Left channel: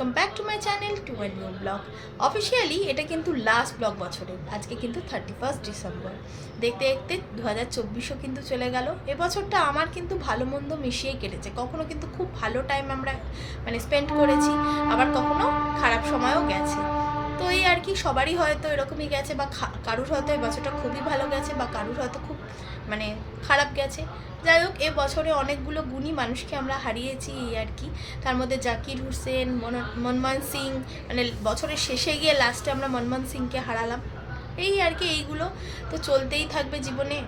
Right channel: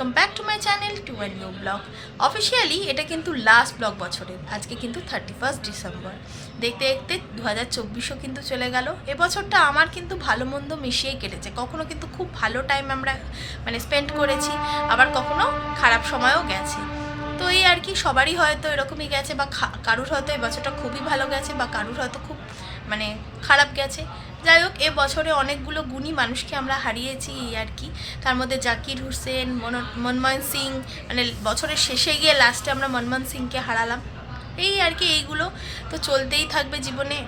Welcome back to my channel to a new blog. Officially এটা কিন্তু last blog বছরের, আজকে কিন্তু 31 ডিসেম্বর। দেখতে দেখতে 2024ও কিন্তু চলে গেল। এবছরটা আমার কিন্তু ভালো মন্দ মিশিয়েই কেটেছে। কখনো কিন্তু খুব ভালো টাইম আমরা স্পেন্ড করেছি, আবার কখনো খারাপ সময়ও গেছে। তো এই আর কি, সবারই হয়তো এরকমই গেছে, বা কারুর হয়তো এই বছরটা খুবই ভালো গেছে, বা কারুর হয়তো খুব খারাপ গেছে। যাই হোক, এ বছরে অনেকগুলো গুণী মানুষকে আমরা হারিয়েছি এই আর কি। তার মধ্যে জাকির হুসেন, মনমোহন সিং, বছরের শেষে গিয়ে লাস্টে আমরা মনমোহন সিংকে হারালাম। এই আর কি, এইগুলো তো চলতেই থাকবে জীবনে।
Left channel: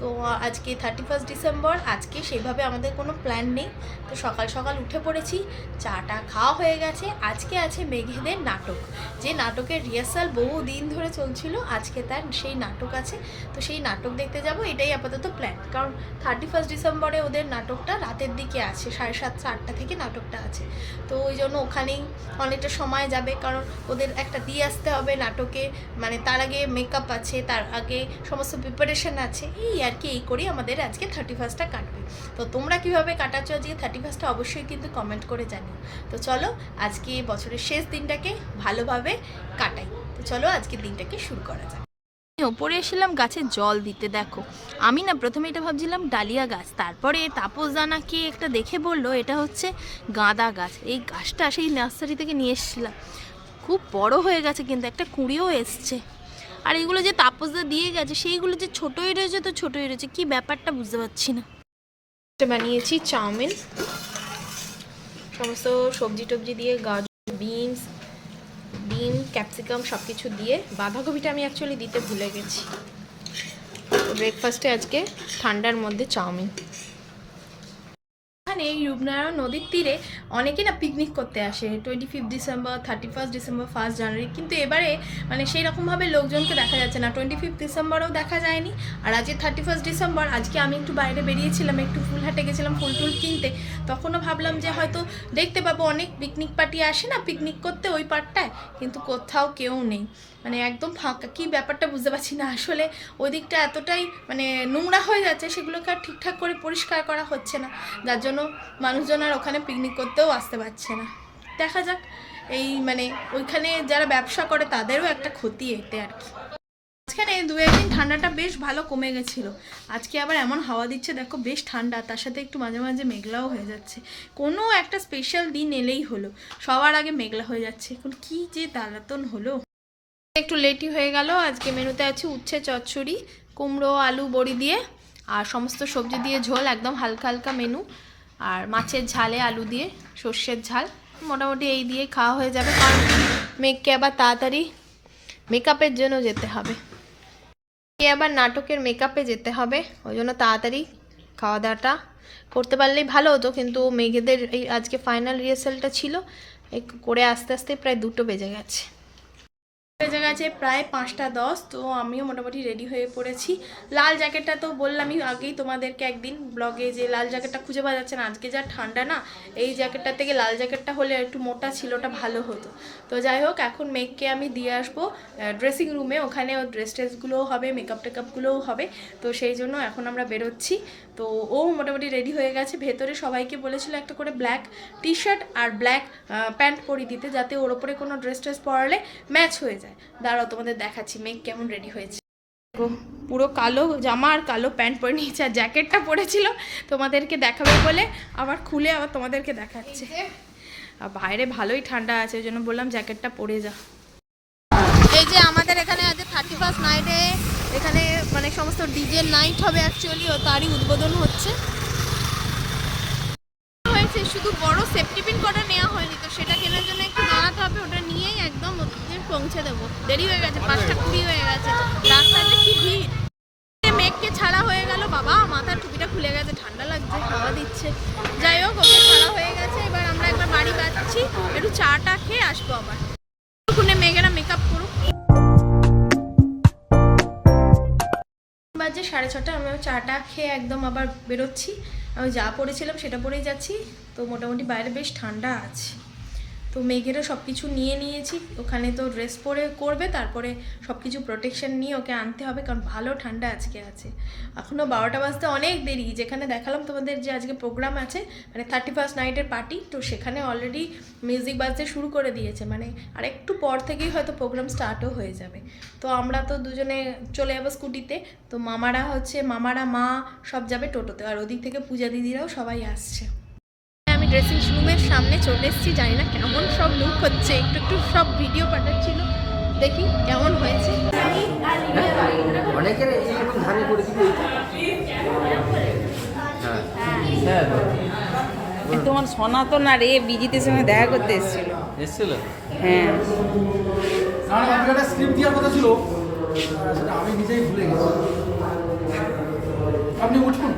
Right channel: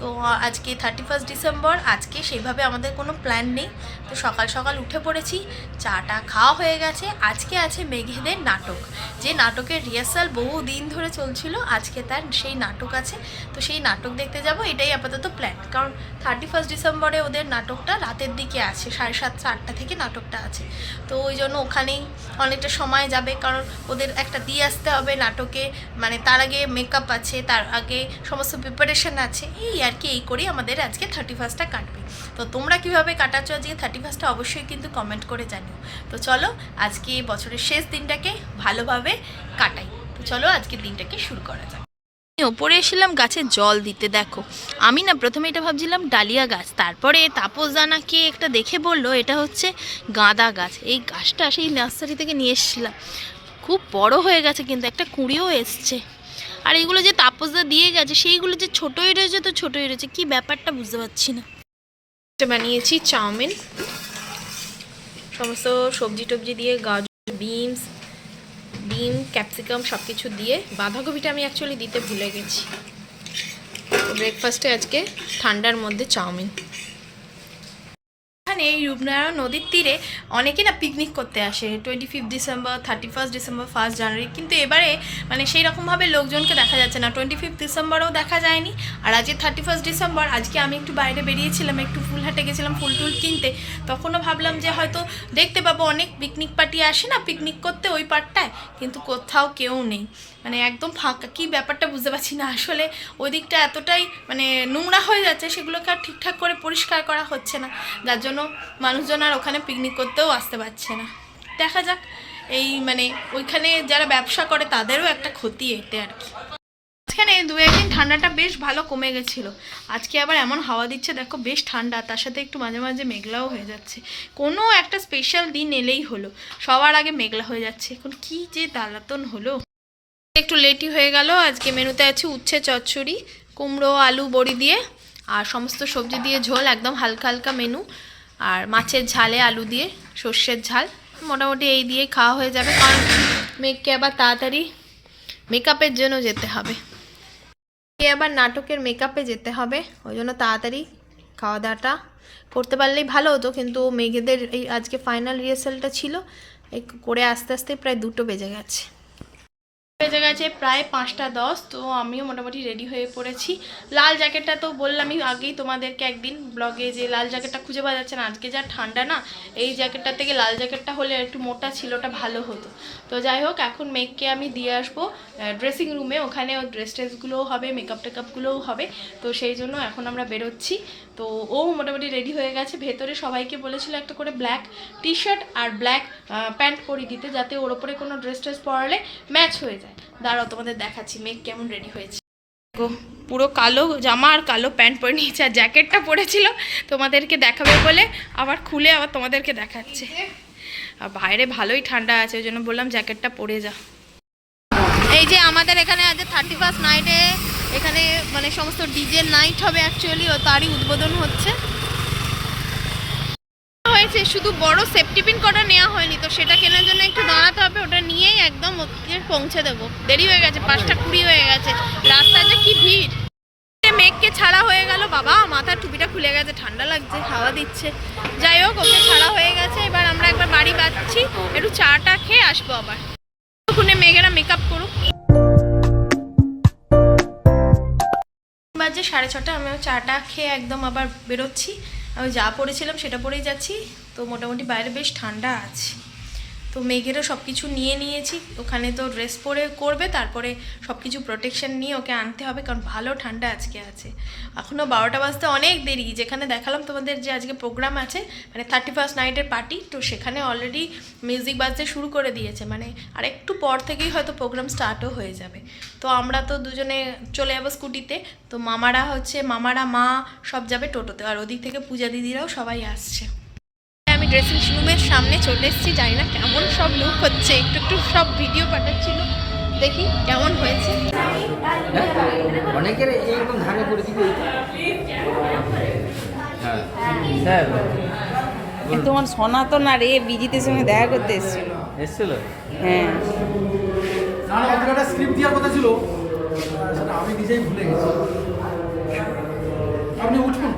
তো আজকে 31 ডিসেম্বর, আজকে সেইভাবে আমাদের কোনো প্ল্যান নেই। তো সকাল সকাল উঠে পড়েছি, চাটা খাওয়া হয়ে গেছে। আজকে আছে মেঘেদের নাটক, যে নাটকের রিহার্সাল বহু দিন ধরে চলছিল, আজকে তার সেই নাটক আছে। তো সেই নাটক দেখতে যাব, এটাই আপাতত প্ল্যান। কারণ 31 ডিসেম্বরে ওদের নাটকটা রাতের দিকে আছে, 7:30 8টা থেকে নাটকটা আছে। তো ওই জন্য ওখানেই অনেকটা সময় যাবে, কারণ ওদের একটা দিয়ে আসতে হবে নাটকে, তার আগে মেকআপ আছে, তার আগে সমস্ত প্রিপারেশন আছে। এই আর কি, এই করেই আমাদের আজকে 31টা কাটবে। তো তোমরা কিভাবে কাটাচ্ছ আজকে 31টা অবশ্যই কিন্তু কমেন্ট করে জানিও। তো চলো আজকে বছরের শেষ দিনটাকে ভালোভাবে কাটাই। তো চলো আজকের দিনটাকে শুরু করা যাক। ওপরে এসেছিলাম গাছে জল দিতে। দেখো, আমি প্রথমে এটা ভাবছিলাম ডালিয়া গাছ, তারপরে তাপস দানাকে একটা দেখে বললো এটা হচ্ছে গাঁদা গাছ। এই গাছটা সেই নার্সারি থেকে নিয়ে এসেছিলাম, খুব বড় হয়ে গেছে, কিন্তু একটা কুঁড়িও এসছে। আর এইগুলো যে তাপসদা দিয়ে গেছে, সেইগুলো যে ছোটোই রয়েছে, তো ছোটোই রয়েছে, কি ব্যাপারটা বুঝতে পারছি না। বানিয়েছি চাউমিন, সমস্ত সবজি টবজি দিয়ে, গাজর, ডিম, ক্যাপসিকাম সব কিছু দিয়ে। বাঁধাকপিটা আমি অ্যাকচুয়ালি দিতে ভুলে গেছি। ব্রেকফাস্টে আজকে ঠান্ডার মধ্যে চাউমিন। এখানে এই রূপনারায়ণ নদীর তীরে অনেকে পিকনিক করতে আসে 25 ডিসেম্বর, 31 ডিসেম্বর, 1 জানুয়ারি। কিন্তু এবারে সেই রকমভাবে লোকজনকে দেখা যাচ্ছে না। 25 ডিসেম্বরও দেখা যায়নি, আর আজকে 31 ডিসেম্বর। আজকে আমি একটু বাইরে বেরিয়েছিলাম, একটু ফুলহাটে গেছিলাম ফুল টুল কিনতে। তখনও ভাবলাম যে হয়তো দেখতে পাবো, অনেক পিকনিক পার্টি আসে না পিকনিক করতে ওই পার্টটায়, কিন্তু কোথাও কেউ নেই, একদম ফাঁকা। কি ব্যাপারটা বুঝতে পারছি না। আসলে ওই দিকটা এতটাই নোংরা হয়ে যাচ্ছে, সেগুলোকে আর ঠিকঠাক করে পরিষ্কার করা হচ্ছে না, যার জন্য মানুষজন আর ওখানে পিকনিক করতেও আসতে পারছে না। দেখা যাক, এই ওইখানে যারা ব্যবসা করে তাদেরও একটা ক্ষতি এতে আর কি। এখানে 2-1 দিন ঠান্ডাটা বেশ ভালো কমে গেছিলো। আজকে আবার এমন হাওয়া দিচ্ছে, দেখো বেশ ঠান্ডা, তার সাথে একটু মাঝে মাঝে মেঘলাও হয়ে যাচ্ছে। কোনো একটা স্পেশাল দিন এলেই হলো, সবার আগে মেঘলা হয়ে যাচ্ছে। এখন কি যে জ্বালাতন হলো। একটু লেটই হয়ে গেল। আজকে মেনুতে আছে উচ্ছে চচ্চড়ি, কুমড়ো আলু বড়ি দিয়ে, আর সমস্ত সবজি দিয়ে ঝোল, একদম হালকা হালকা মেনু। আর মাছের ঝালে আলু দিয়ে সর্ষের ঝাল। মোটামুটি এই দিয়ে খাওয়া হয়ে যাবে, কারণ মেঘকে আবার তাড়াতাড়ি মেকআপের জন্য যেতে হবে, আবার নাটকের মেকআপে যেতে হবে, ওই জন্য তাড়াতাড়ি খাওয়া দাওয়াটা করতে পারলেই ভালো হতো। কিন্তু মেঘেদের এই আজকে ফাইনাল রিহার্সালটা ছিল, করে আস্তে আস্তে প্রায় 2টো বেজে গেছে প্রায় 5টা 10। তো আমিও মোটামুটি রেডি হয়ে পড়েছি। লাল জ্যাকেটটা তো বললামই আগেই তোমাদেরকে একদিন ব্লগে, যে লাল জ্যাকেটটা খুঁজে পাওয়া যাচ্ছে না। আজকে যা ঠান্ডা না, এই জ্যাকেটটার থেকে লাল জ্যাকেটটা হলে একটু মোটা ছিল, ওটা ভালো হতো। তো যাই হোক, এখন মেঘকে আমি দিয়ে আসবো ড্রেসিং রুমে, ওখানে ওর ট্রেসগুলোও হবে, মেকআপ টেকআপগুলোও হবে। তো সেই জন্য এখন আমরা বেরোচ্ছি। তো ও মোটামুটি রেডি হয়ে গেছে। ভেতরে সবাইকে বলেছিল একটা করে ব্ল্যাক টি শার্ট আর ব্ল্যাক প্যান্ট পরিয়ে দিতে, যাতে ওর ওপরে কোনো ড্রেস পরালে ম্যাচ হয়ে যায়। দাঁড়াও তোমাদের দেখাচ্ছি মেঘ কেমন রেডি হয়েছে। পুরো কালো জামা আর কালো প্যান্ট পরে নিয়েছে, আর জ্যাকেটটা পরেছিল তোমাদেরকে দেখাবে বলে আবার খুলে আবার তোমাদেরকে দেখাচ্ছে। আর বাইরে ভালোই ঠান্ডা আছে, ওই জন্য বললাম জ্যাকেটটা পরে যা। এই যে আমাদের এখানে আজ 31 নাইটে এখানে সমস্ত ডিজে নাইট হবে অ্যাকচুয়ালি, ও তারই উদ্বোধন হচ্ছে। হয়েছে শুধু বড় সেফটি পিন কটা নেওয়া হয়নি, তো সেটা কেনার জন্য একটু দাঁড়াতে হবে, ওটা নিয়েই একদম পৌঁছে দেবো। দেরি হয়ে গেছে, 5:20 হয়ে গেছে। রাস্তায় যে কি ভিড়। মেঘকে ছাড়া হয়ে গেল, বাবা মাথার টুপিটা খুলে গেছে, ঠান্ডা লাগছে, হাওয়া দিচ্ছে। যাই হোক, ওকে ছাড়া হয়ে গেছে। এবার আমরা একবার বাড়ি যাচ্ছি, একটু চাটা খেয়ে আসবো। আবার ওখানে মেঘেরা মেকআপ করুক। বাজে 6:30, আমি চাটা খেয়ে একদম আবার বেরোচ্ছি। আমি যা পরেছিলাম সেটা পরেই যাচ্ছি। তো মোটামুটি বাইরে বেশ ঠান্ডা আছে। তো তো মেঘেরও সব কিছু নিয়ে নিয়েছি, ওখানে তো ড্রেস পরে করবে, তারপরে সব কিছু প্রোটেকশন নিয়ে ওকে আনতে হবে, কারণ ভালো ঠান্ডা আজকে আছে। এখনও 12টা বাজতে অনেক দেরি। যেখানে দেখালাম তোমাদের যে আজকে প্রোগ্রাম আছে, মানে 31st নাইটের পার্টি, তো সেখানে অলরেডি মিউজিক বাজতে শুরু করে দিয়েছে, মানে আর একটু পর থেকেই হয়তো প্রোগ্রাম স্টার্টও হয়ে যাবে। তো আমরা তো দুজনে চলে যাবো স্কুটিতে, তো মামারা মা সব যাবে টোটোতে, আর ওদিক থেকে পূজা দিদিরাও সবাই আসছে। আমি ড্রেসিং রুমের সামনে চলে এসেছি, জানি না কেমন সব লুক হচ্ছে, একটু একটু সব ভিডিও পাঠাচ্ছিল, দেখি কেমন হয়েছে। তোমার সনাতন আর বিজিতের সঙ্গে দেখা করতে এসেছিল। হ্যাঁ, স্ক্রিপ্ট দেওয়ার কথা ছিল, আমি নিজেই ভুলে গেছি। আপনি উঠুন।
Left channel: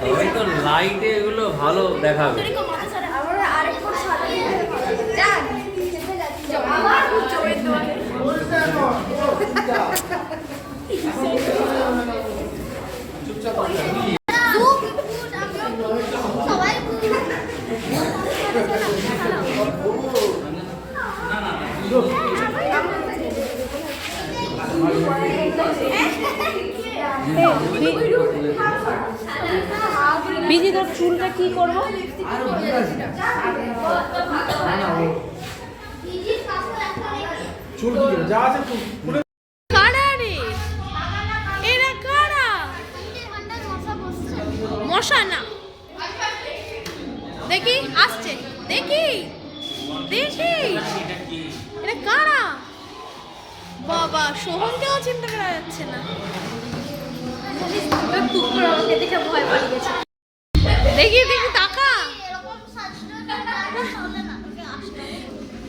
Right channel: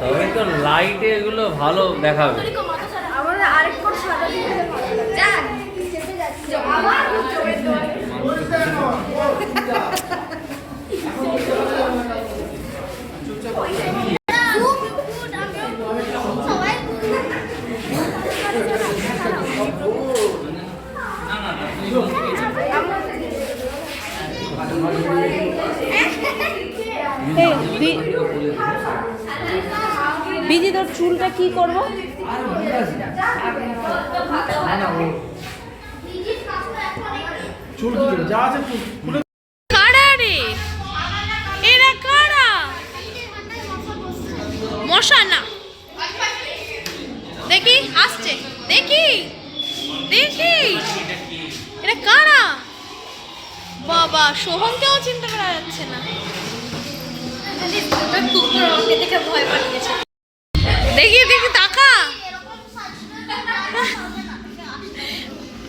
তবে তো লাইটে এগুলো ভালো দেখাবে। বিজি তোর চুলটা কি করবো? কারা রে এরা? কারা? মশা না, দেখি আসছে, দেখি দেখি এরা কারা? বাবা, সোহমকেও চিন্তা করা যাচ্ছে না। দেখি দেখি তাকা,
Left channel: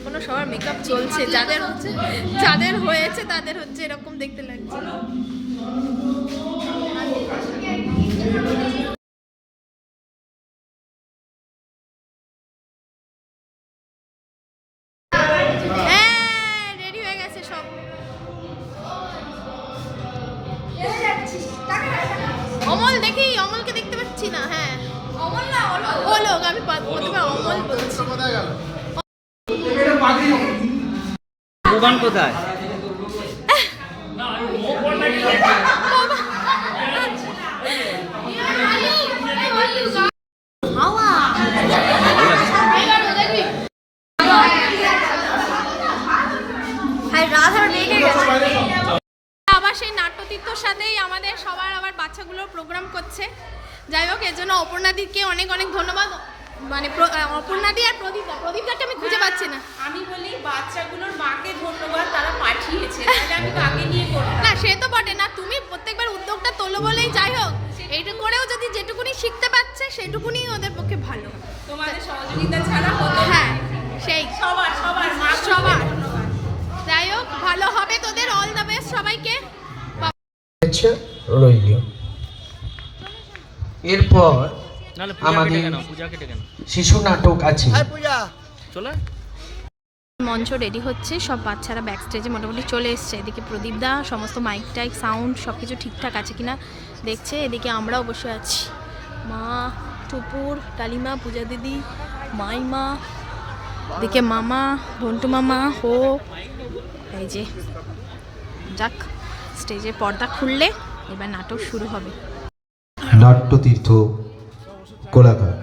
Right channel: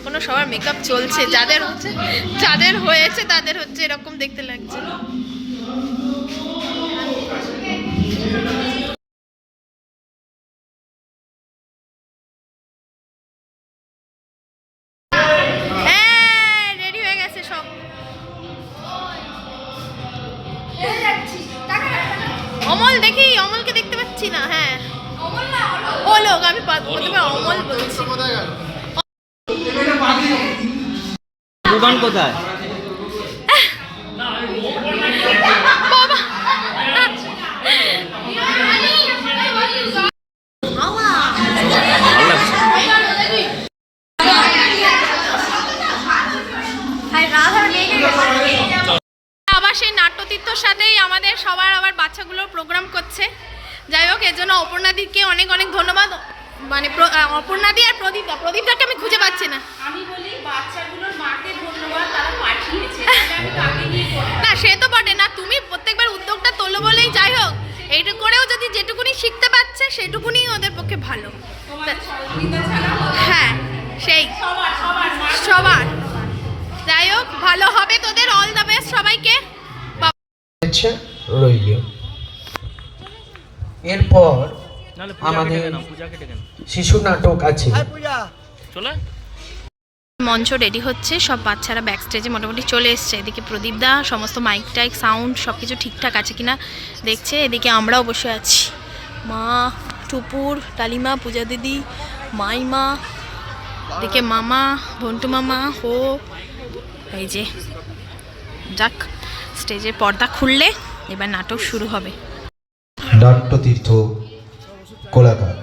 কোনো সবার মেকআপ চলছে, যাদের হয়েছে তাদের হচ্ছে এরকম দেখতে লাগছে। রেডি হয়ে গেছে সব। অমল, দেখি অমলকে দেখতে পাচ্ছি না। হ্যাঁ, ও লোক, আমি প্রথমে অমল বলছি। দোকান কোথায়? বাবা, আবার সেই নাট্যতীর্থর সাথেই আমাদের সবার আবার বাচ্চাগুলোর প্রোগ্রাম করছে। যাই হোক, এর জন্য অপর্ণাদিকে অনেক অনেক ধন্যবাদ। মানে অপর্ণাদি আর প্রদীপদাকে আমি খুঁজে পাচ্ছি না। আমি বলি বাচ্চাগুলোর মাকে ধন্যবাদ, তারা পাঠিয়েছে। না, সে তো বটে না, তুমি প্রত্যেকবার উদ্যোগটা তোলো বলেই। যাই হোক, এইটা করেও যদি যেটুকুনি শিখতে পারছে সেটুকুনি ওদের পক্ষে ভালো। হ্যাঁ, সেই সবার। যাই হোক, ভালো হবে তোদের, অল দ্য বেস্ট সবাইকে। রইল। এরপর আমাদের শিশু নাটক আছে। মঞ্চ রেডি হচ্ছে, সব বাচ্চারা ব্যাক স্টেজে মোটামুটি চলে এসছে। এদিকে প্রদীপদা সমস্ত মাইক টাইক সাউন্ড সব কিছু ঠিকঠাক আছে কিনা দেখছে। এদিকে আমরাও বসে আছি, মা, টুপুর, কালিমা, পূজা দিদি, মাইমা, এদিকে মামা, ভন্টু মামা, হো। এই যে যাক, স্টেজের পর্দা খুললে এবার নাটক শুরু হবে। নাট্যতীর্থ কোলাঘাট।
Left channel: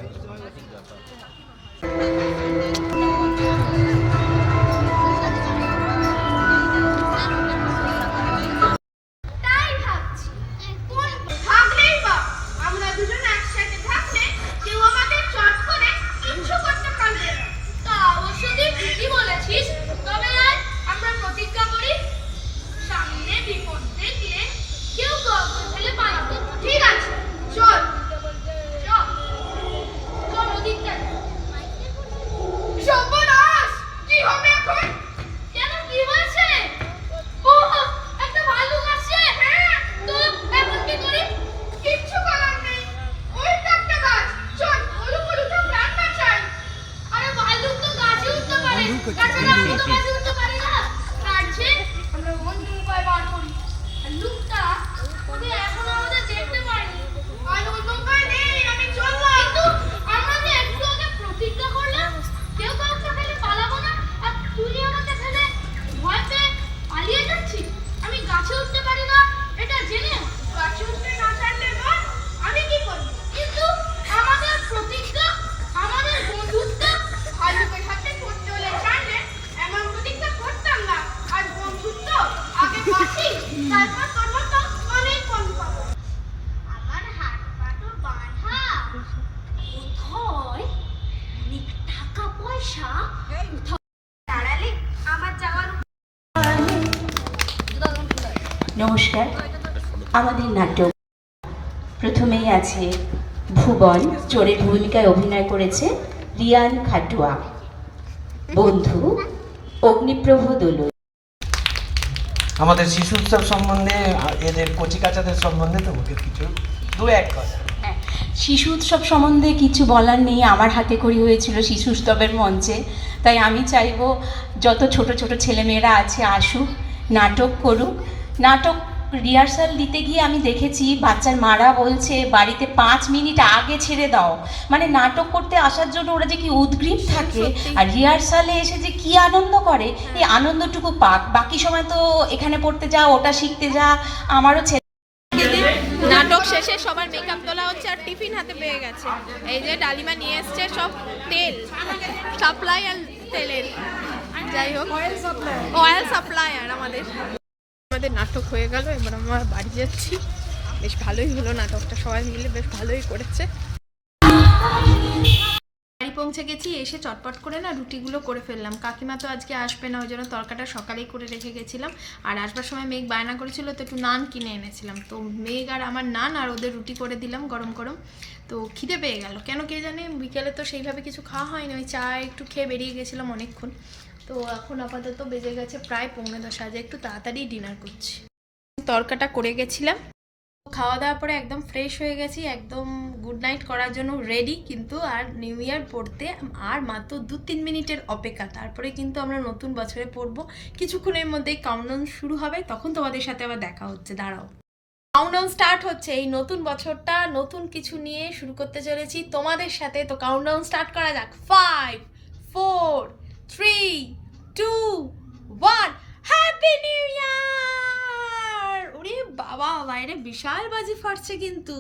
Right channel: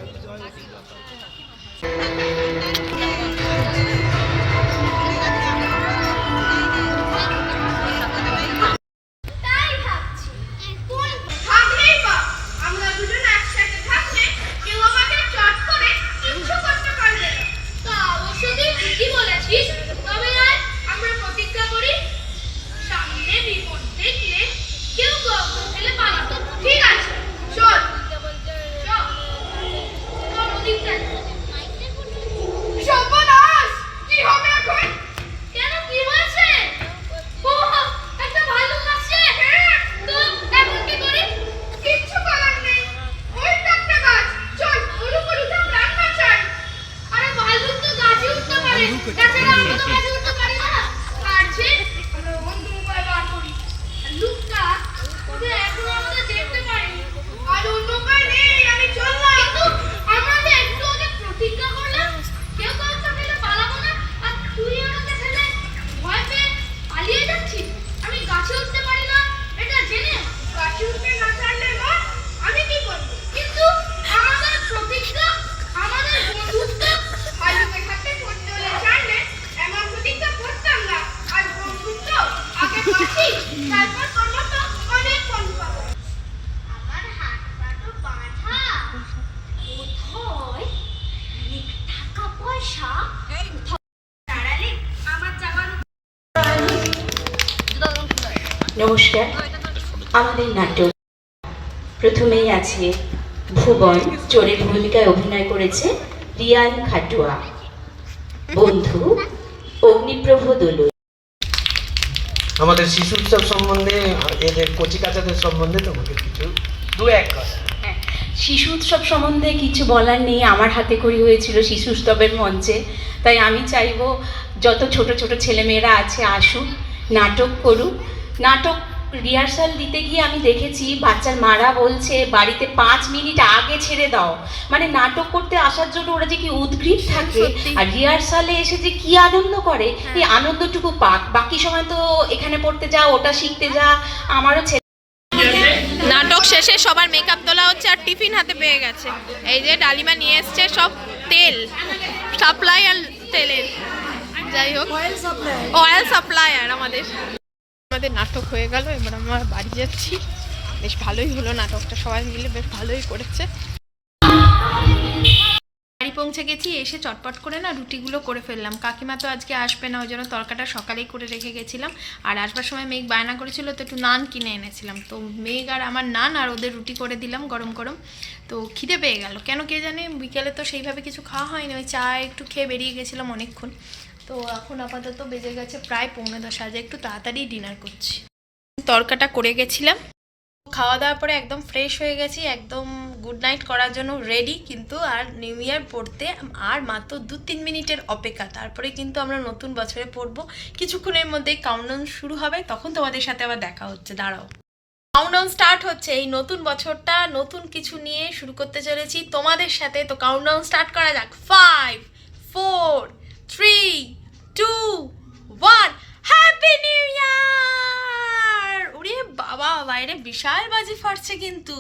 লুকটা ওদের এখন আমাদের দেখতে পাইনি আর অন্য উপায় নেই আমি চললাম কিন্তু আমরা যে একটু আগে প্রতিজ্ঞা করলাম কেউ কাউকে ফেলে পালাবো না আর তুই আমাকে ফেলে ভয় পেয়ে পালিয়ে যাচ্ছি আমি গাছে উঠতে পারি না এটা জেনে গাছে উঠতে না পারলে মা আমি কি করব কিন্তু আমাদের প্রতিজ্ঞা আমাদের বন্ধুত্ব ভালুকের সাথে চলে জানলে এমন প্রতিজ্ঞা করতাম না আর বন্ধুত্ব আগে বাঁচি তারপর করবো তো অনেক বন্ধু পাবো আমার হাত পা তো বাঁধা কোথায় টাকা পয়সা দাঁড়ালে আমার যাওয়ার নমস্কার, আমাদের নাটক প্রথমেই আছে ভুবন, চোরের ভূমিকায় অভিনয় করেছে রিয়ান খাটুয়া, বন্ধু অগ্নিপ্রভ দোলই। আমাদের শিশু উৎসব সম্বন্ধে, এদের কচিকাচাদের সম্বন্ধে তোমাকে কিছু দু এক কথা। শিশু উৎসব সম্বন্ধে কিছু বলার নেই, আমার হাতে খড়ি হয়েছিল শিশু উৎসবের মঞ্চে, তাই আমি চাইবো যত ছোট ছোট ছেলেমেয়েরা আছে আসুক, নাটক করুক। নাটক রিহার্সাল দিতে গিয়ে আমি দেখেছি বাচ্চার মারা বলছে বাড়িতে 5 মিনিট আগে ছেড়ে দাও, মানে নাটক করতে আসার জন্য ওরা যে কি উদ্গ্রীব থাকে আর রিহার্সালে এসে যে কি আনন্দ করে, এই আনন্দটুকু পাক। বাকি সময় তো এখানে পড়তে যা, ওটা শিখতে যা। আমারও নাটক শেষে সবার মেকআপ তোলা হচ্ছে আর টিফিন হাতে পেয়ে গেছে। এই যে ডালিমা নিয়ে এসছে সব তেল, সাপ্লাই আর তেলের, যাই হোক অয়েল সাপ্লায়ার আমাদের নাটক হয়ে গেল। এবার আমরা বাড়ি যাচ্ছি। বেশ ভালোই হলো নাটকটা, সবাই মিলে বেশ ভালোই করেছে। বাড়ি পৌঁছে গেছি, এসে চটপট করে না রুটিগুলো করে ফেললাম। কাকিমা তো আজকে আসবে না, ওই জন্য তরকাটা সকালেই করে রেখে গেছিলাম। আর আসবার সময় মেঘ বায়না করেছিল তো একটু নান কিনে এনেছিলাম, তো মেঘ আর আমার নান আর ওদের রুটি করে দিলাম গরম গরম। তো খিদে পেয়ে গেল কেন কে জানে, বিকেলে তো সেইভাবে কিছু খাওয়া হয়নি, ওই চা একটু খেয়ে বেরিয়ে গেছিলাম অনেকক্ষণ। তো এখন আপাতত বেজে গেছে প্রায় 9:45, আজ একটু তাড়াতাড়ি ডিনার করছি। তরকাটা করে গেছিলাম, খাওয়া দাওয়ার পরে একদম ফ্রেশ হয়ে গেছি, একদম গুড নাইট করার জন্য রেডি। কিন্তু আর নিউ ইয়ার পড়তে আর মাত্র 2-3 মিনিটের অপেক্ষা, তারপরে কিন্তু আমরা নতুন বছরে পড়বো। কিছুক্ষণের মধ্যেই কাউন্টডাউন শুরু হবে, তখন তোমাদের সাথে আবার দেখা হচ্ছে। দাঁড়াও, কাউন্টডাউন স্টার্ট হচ্ছে। এই নতুন বছরটা নতুন কিছু নিয়ে শুরু করতে চলেছি তোমাদের সাথে। তো কাউন্টডাউন স্টার্ট করা যাক। 5, 4, 3, 2, 1, হ্যাপি নিউ ইয়ার! ওরে বাবা, বাইরে বিশাল বাজি ফাটছে, কিন্তু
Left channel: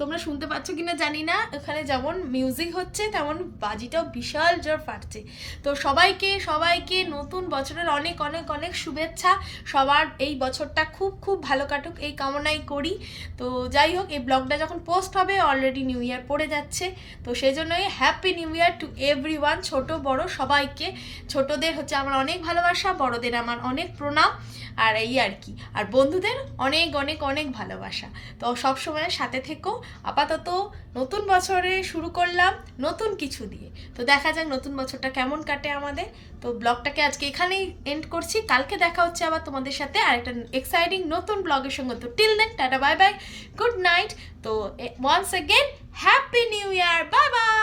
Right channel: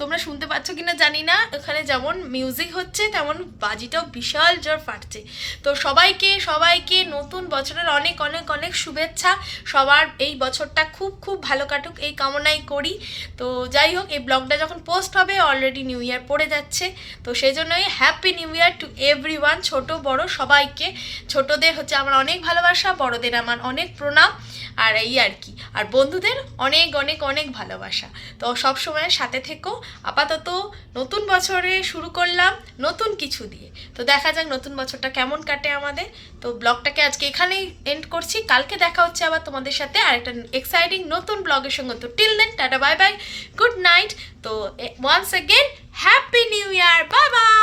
তোমরা শুনতে পাচ্ছ কিনা জানি না। এখানে যেমন মিউজিক হচ্ছে তেমন বাজিটাও বিশাল জোর ফাটছে। তো সবাইকে নতুন বছরের অনেক অনেক অনেক শুভেচ্ছা। সবার এই বছরটা খুব খুব ভালো কাটুক এই কামনাই করি। তো যাই হোক, এই ব্লগটা যখন পোস্ট হবে অলরেডি নিউ ইয়ার পড়ে যাচ্ছে, তো সেই জন্যই happy new year to everyone, ছোট বড় সবাইকে। ছোটদের হচ্ছে আমার অনেক ভালোবাসা, বড়দের আমার অনেক প্রণাম, আর এই আর কি। আর বন্ধুদের অনেক অনেক অনেক ভালোবাসা। তো সবসময় সাথে থেকো। আপাতত নতুন বছরে শুরু করলাম নতুন কিছু দিয়ে, তো দেখা যাক নতুন বছরটা কেমন কাটে আমাদের। তো ব্লগটাকে আজকে এখানেই এন্ড করছি, কালকে দেখা হচ্ছে আবার তোমাদের সাথে আর একটা এক্সাইটিং নতুন ব্লগের সঙ্গে। তো till then, tata, bye bye, good night. তো once again happy new year, bye by.